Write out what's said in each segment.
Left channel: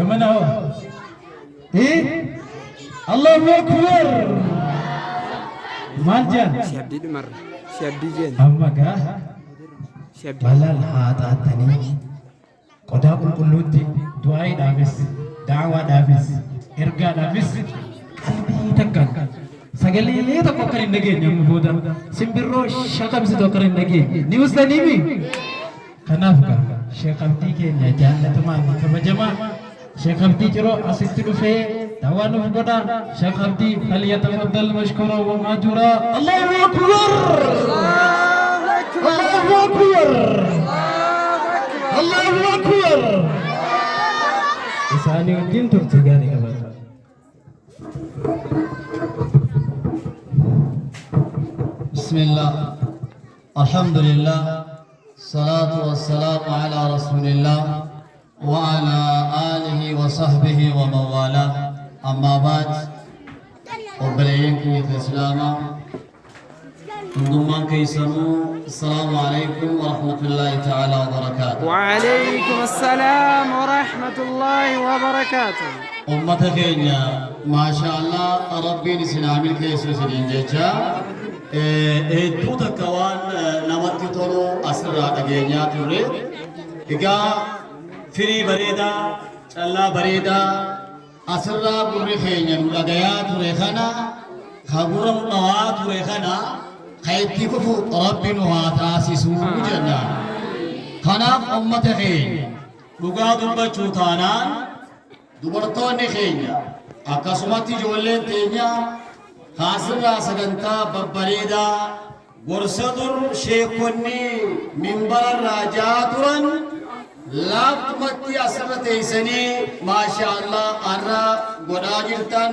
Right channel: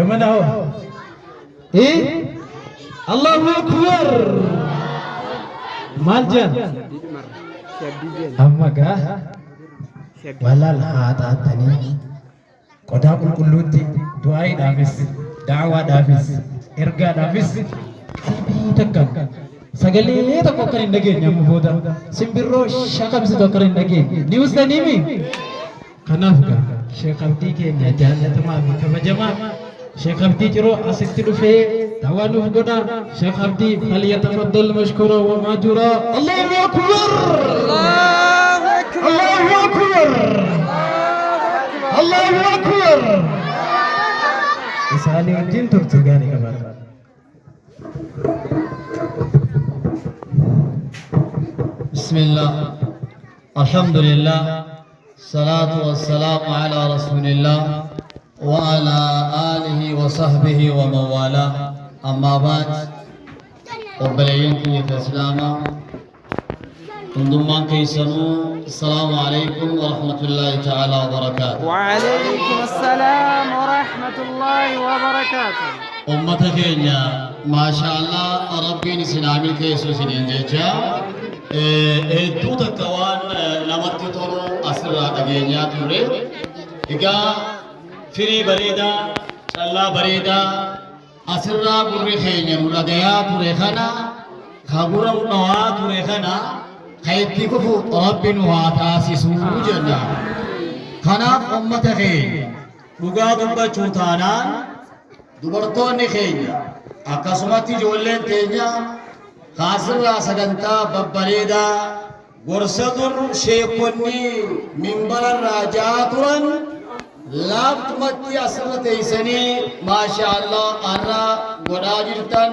gimana ho? Allahu Akbar. Maljan. Amma ga walal hatatani qoda qulqulluutti du'aa dhaafis da'waa dhaafis ergaa dhaafis qalbii takka sagalee tokko kan hin dhageenye amma booda simbirroo shaqamsitu akka hin dhageenye ni ustaniimi kanaaf ga Sheekh Abdii keenya jaallatamaa fi kabajamaa Sheekh Abdii Ciroo asitti dhufee da'waa nuuf godha Sheekh Abdii falyatafaddal mashkura wa majura Allahu Akbar Allahu Akbar Allahu Akbar isaanii wajjin turte gaarii qabata Bismillah Alhamdulillah Salatu wassalamu ala Rasulillah wa ala alihi wa sahbihi wa mawala amma ba'd obboleeyyan kiyya islaamaa hundummaan keessanuu السلام عليكم ورحمة الله تعالى وبركاته وعليكم السلام ورحمة الله وبركاته أمة كينيا ما شاء الله ربي نسنامي كيسو سنين جيجا إدو تكوان نمت طولو أسرع أجينيا توري إيجا فري بريدا شلا بريدا أسرع بري خينيا نرغيا توري خانا خبرا نوا توري خانا خيتي كفو ربي نوا تاسسو جنة خانا أمة خينيا لغا دنبا چوتانان dubartoonni keenya akkasumatti ijoolleen teenya haasirraa sagantaa babbareedaa gorsa dur sheekonni minbararraa jaa turan laaftumatti asirra teessanii maashaallah arra godhaa jirtan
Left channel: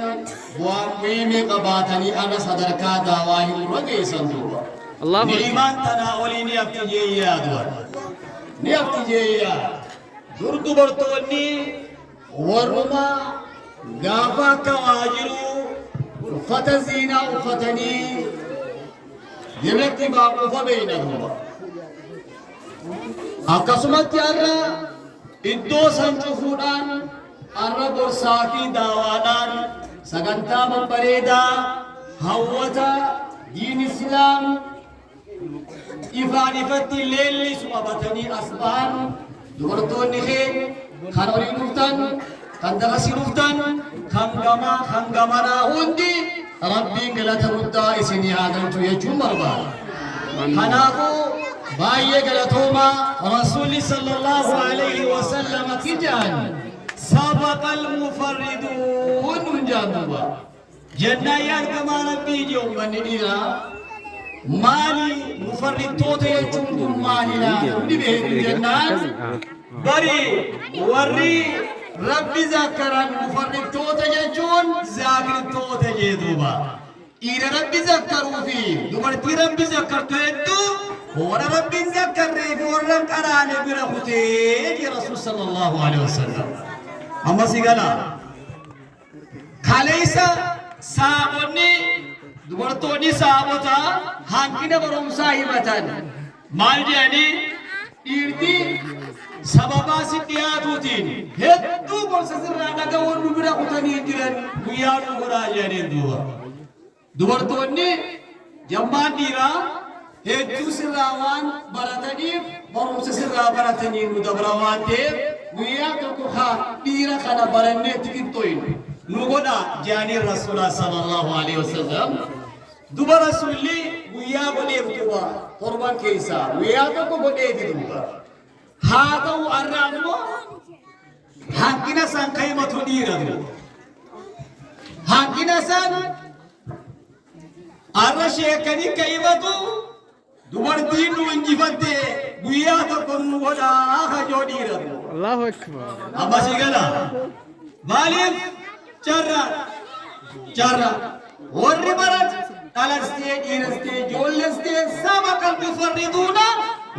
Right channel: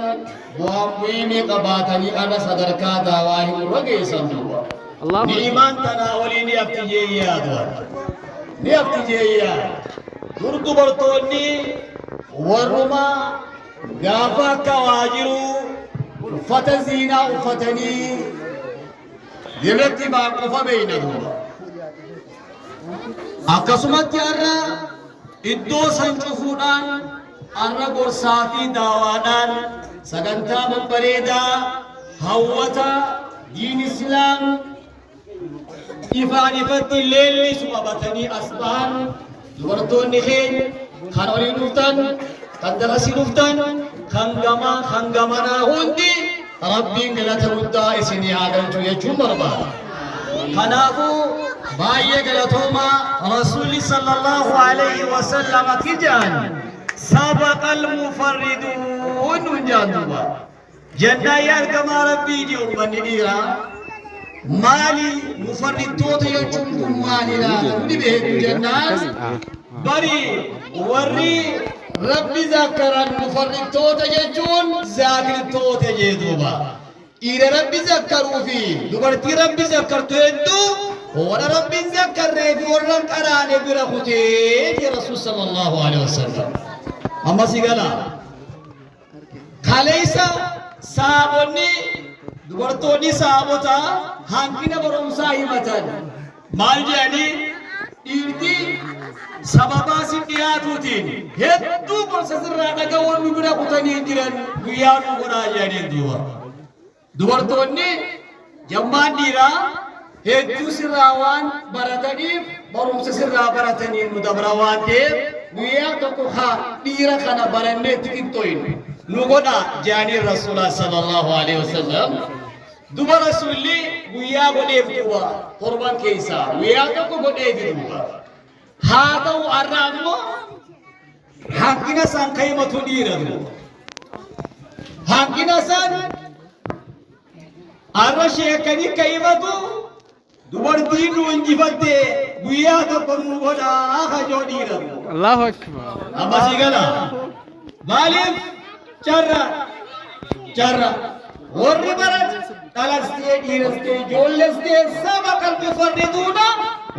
bu'aan muhiimii qabaatanii arra sadarkaa daawaa himurra geessan duuba ni'imaan tanaa olii ni aftijeeyyaa du'an ni aftijeeyyaa dur dubartoonni warruma gaafa akka waa jiru uffata ziinaa uffatanii dirratti maaqufa beeyna duuba akkasumatti har'a iddoo san cufuudhaan har'a gorsaa fi daawaadhaan sagantaa babbareedaa hawwata diin islaam ifaan ifatti leellisu qabatanii as bahan dubartoonni keenya kan olii dhuftan kan dagasii dhuftan kan gamanaa hundi rabbiin galata guddaa isinii haa galchu jechuun barbaada. Kanaafuu baay'ee galatooma rasuulli sallallahu alaihi wasallam akka jedhan sabaqal mufarriduun nun jaanduba jannaa argamaa rabbii je ummanni dhiiraa maali mufarridtoota jechuun kun maalidha hundi beeku jennaan bari warri rabbi zakkaran mufarridtoota jechuun zaakirtoota jeeduuba dhiira rabbi zakkaruu fi dubartii rabbi zakkartu hedduu warra rabbi zakkarree fi warra qaraane bira kutee je rasuul sallallahu alaihi wasallam amma sigala kaleessa saabonni dubartoonni saabota hanqina barumsaa himatan maal jedhanii dhiirti sababaa si dhiyaatuutiin hedduu gorsa sirraa dhaga'uun nu bira kutanii jiran guyyaa nu godhaa jedhanii duuba dubartoonni jammaan dhiiraa hedduu sirraa waan barataniif barumsa sirraa baratanii nu dabra waan ta'eef guyyaa tokko haa dhiira kana barannee itti qixxooynu nu godhaa jedhanii rasuulaa sallallahu alaihi wasallam duba rasuulli guyyaa godheef duuba torban keessaa guyyaa tokko godheef duuba haa ta'u har'a ammoo hanqina san kaa'imatu dhiira duuba hanqina san har'a sheekanii kaa'imatu dubartiin nu injifatte guyyaa tokko nu godhaa hajoo dhiira duuba Allahu Akbar amma si gala maaliif jarra warri barat qalastee dhiirastee ijoollestee sabaqal mufarriduuna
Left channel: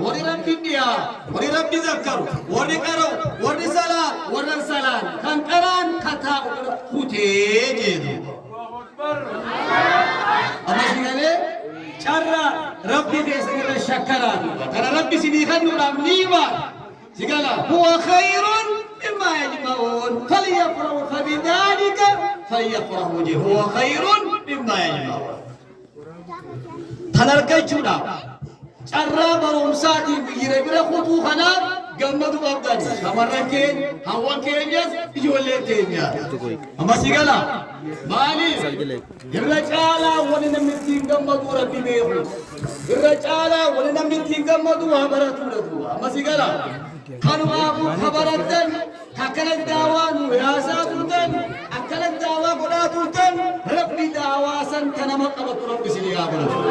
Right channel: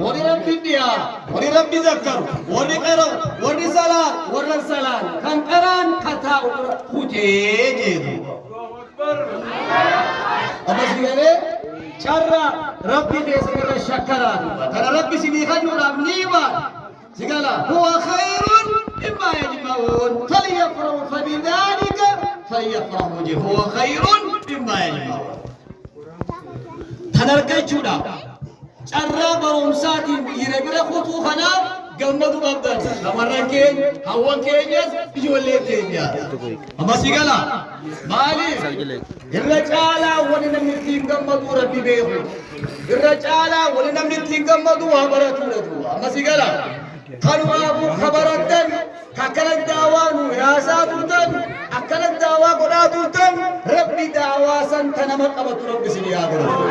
warri rabbi dhiyaa warri rabbi zakkaru warri qara'u warri salaan kan qaraan kataa'u kutee jeedu ammas galee carra rabbi keessanirra shakkaraa duuba kana rabbi sinii kennuudhaaf ni hima sigala huwa khayrun mimmaa yajma'uun فليفرحوا به هو خير مما يجمعون تنركي جودا carraa barumsaatiin biyya bira kutuu kanaaf gammadu qabdan shamarran keenya hawwan keenyas ijoollee keenya ammasii gala maaliif irra caalaa wani namni ittiin gammadu rabbi beeku irra caalaa wani namni ittiin gammadu waa baratu dhatu ammasii gala kanumaafuu kabarattan akkana daawaa nu yaasaa turtan akkana daawaa godhaa turtan rabbi daawaa san kanama qabatu rabbi sin yaa godhatu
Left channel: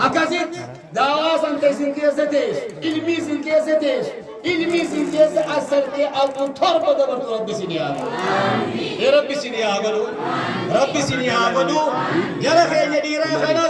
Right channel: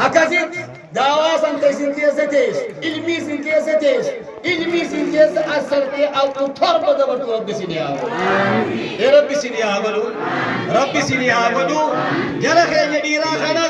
أكاسيت دعوة سنكسين كيستيش إلمي سنكيستيش إلمي سنكيس أسرتي أو تربة دبر رب سنيا يا رب سنيا بلو رب سنيا بلو جل خير جديرا خلاص